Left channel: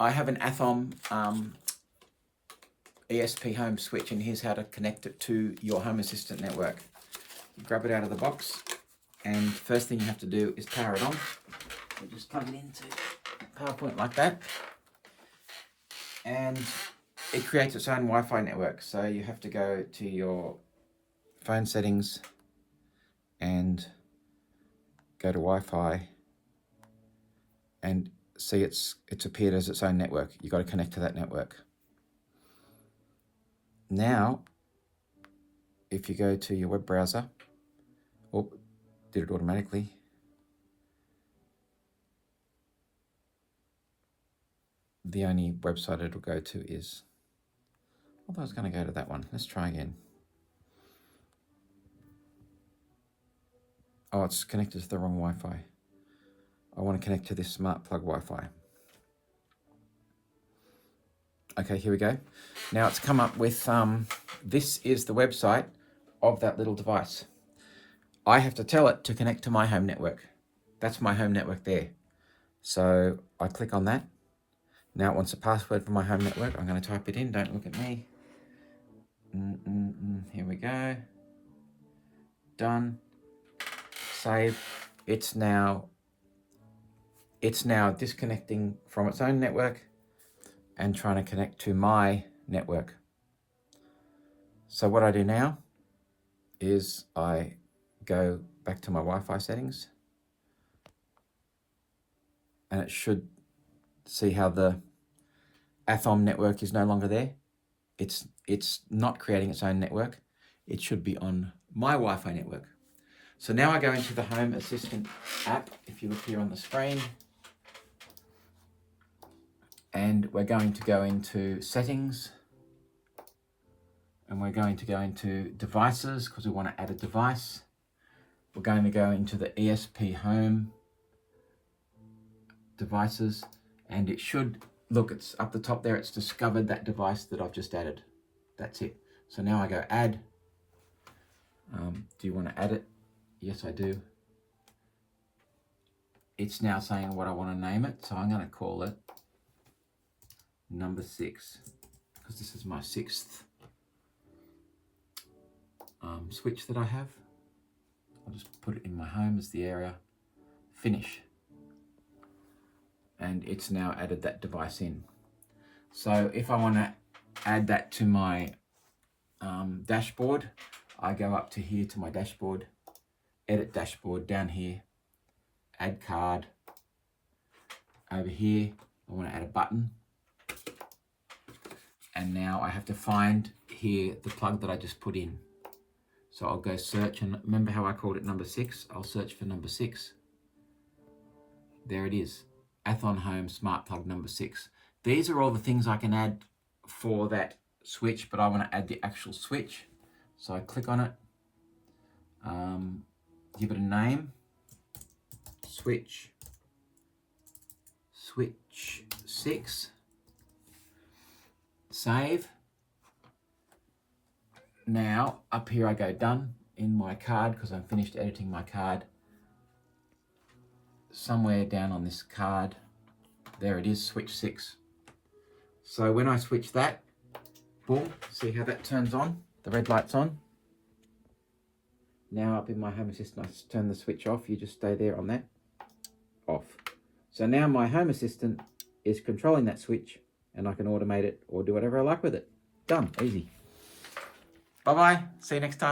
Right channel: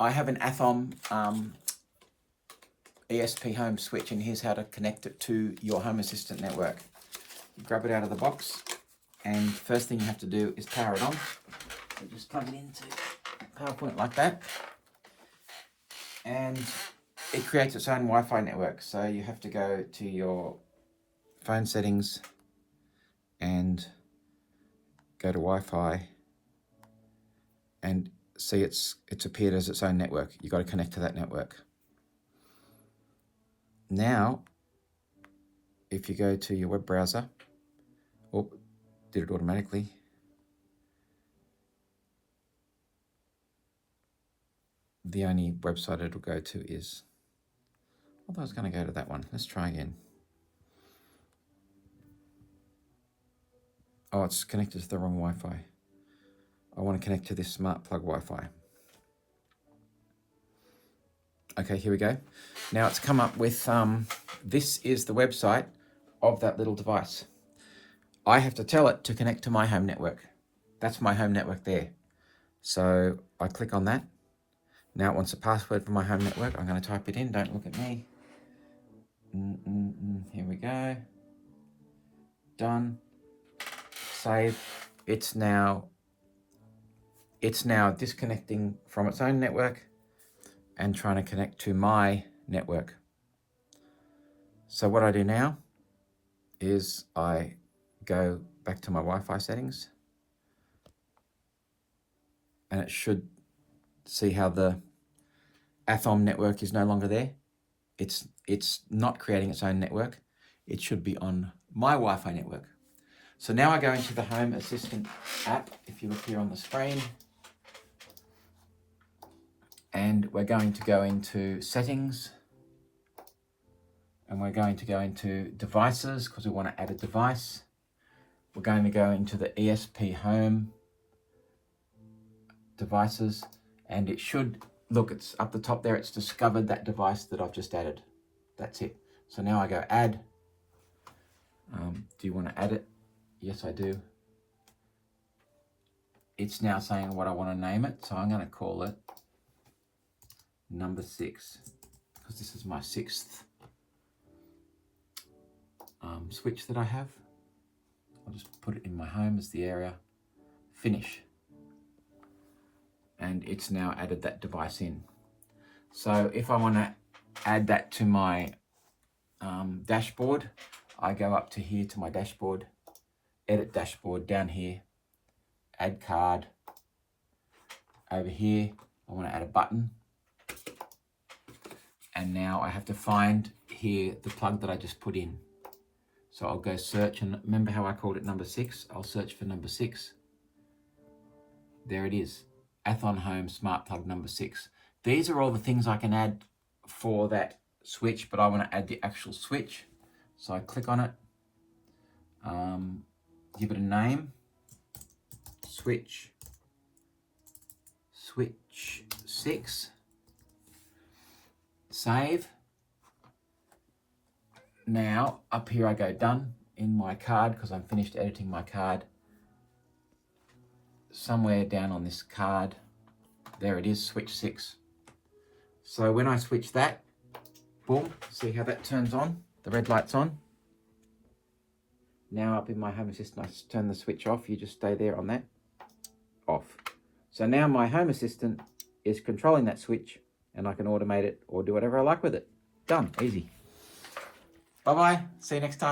I have an Athom ESP Home switch, and here's how to connect it to your Home Assistant network. You grab it out of the box, and first thing you have to do is power it on. So just plug it into PowerPoint like that, and it creates its own Wi-Fi network. So you have to go to your phone settings and go to Wi-Fi, and see it's appeared as its own network. You've got to connect to that network. Now, if you go to your web browser, oh, did it automatically? The only website it'll go to is, I thought I was going to go to that one. Let's try again. Oh, it's connected to the wrong Wi-Fi. I want to connect to this smart plug Wi-Fi. Okay, here we go. Now it's come up with, this is the website of that little device. I have to tell it to connect to my home network. That's my home network there. So I click on that. Now it wants a password for my home network. I'm going to type it in. Don't look at me. Here we go. Done. Save. It's now disconnecting from its own network and trying to connect to my network. So what I do now is I go back to my Wi-Fi settings, and it should see how the Athom network is no longer there. It's not creating its own network. It should be on my Wi-Fi network. So now I go into the Home Assistant app, if you look here on the screen, and we're going to go into settings, and we're going to go into devices because we want to add a device. We're going to go into the ESP Home devices, and it should, look, it's up the top there, it's discovered that device that I've just added. That's it. So now I go add. Do you want to add it? Yes, I do. It's now saying what I want to name it, so I'm going to call it number 6, because this is my 6th switch that I have. I'll just put it in my home as the area. Finish. And it's now added that device in. So if I want to add that to my dashboard, I go up to here to my dashboard, edit dashboard, down here, add card. Over here, I want to add a button. And now I have to find here the plug that I just put in. So I'll go search, and remember how I called it number 6? I'll search for number 6. There it is. Athom Home Smart Plug number 6. These are all the things I can add for that switch, but I want to add the actual switch. So I click on it, give it a name, switch 6, save. Now up here I go done in my card, because I'm finished editing my card. Somewhere down on this card, there it is, switch 6. So when I switch that, boom, see how that turns on? The red light's on. Now up in my Home Assistant, I turn the switch off. You just stay there on that, off. So now my Home Assistant is controlling that switch, and I can automate it or do whatever I like with it. Done, easy. Bye-bye, see you next time.